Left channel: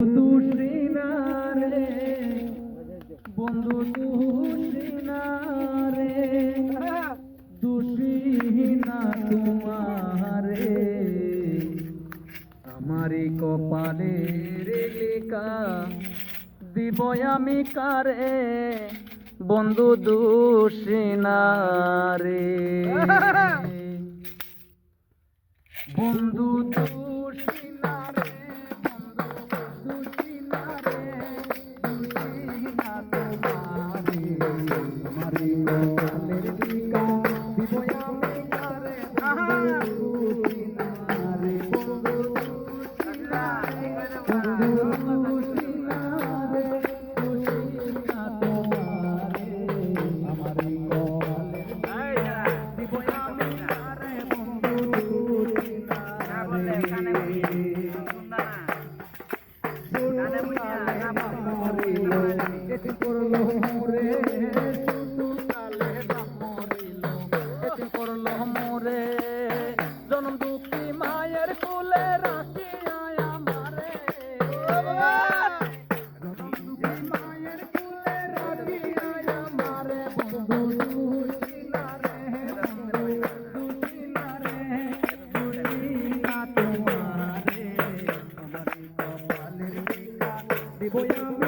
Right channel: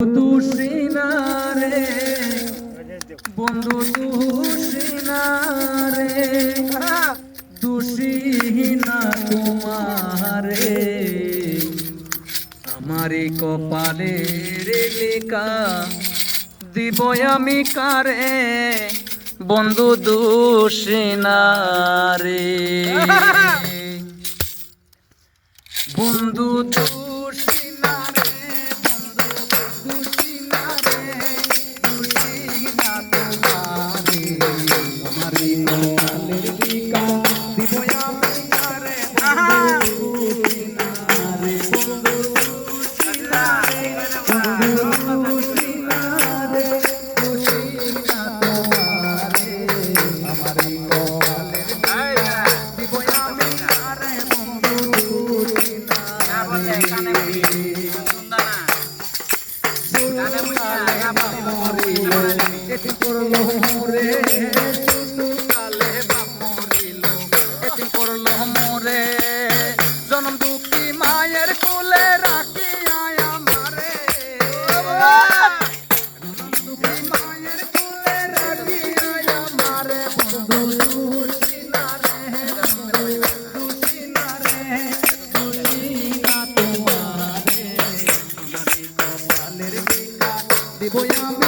তুষিনা রে বন্ধু তুষিনা রে তুষিনা তোমারে আমারি কপালের লেখা দিব আমি কারে বন্ধু দুষিনা রে বন্ধু দুষিনা রে দুষিনা রে দুষিনা তোমারে আমারি কপালের লেখা দিব আমি কারে দুষিনা রে বন্ধু দুষিনা রে দুষিনা রে দুষিনা তোমারে আমারি কপালের লেখা দিব আমি কারে বন্ধু দুষিনা এটি করলো মোরে কালে বামরিল এটি করলো মোরে জনম দুঃখী মায়ের কোলে রাখি আমারে জনম দুঃখী মায়ের কোলে রাখি আমারে বন্ধু দুষিনা রে দুষিনা রে দুষিনা তোমারে আমারি কপালের লেখা দিব আমি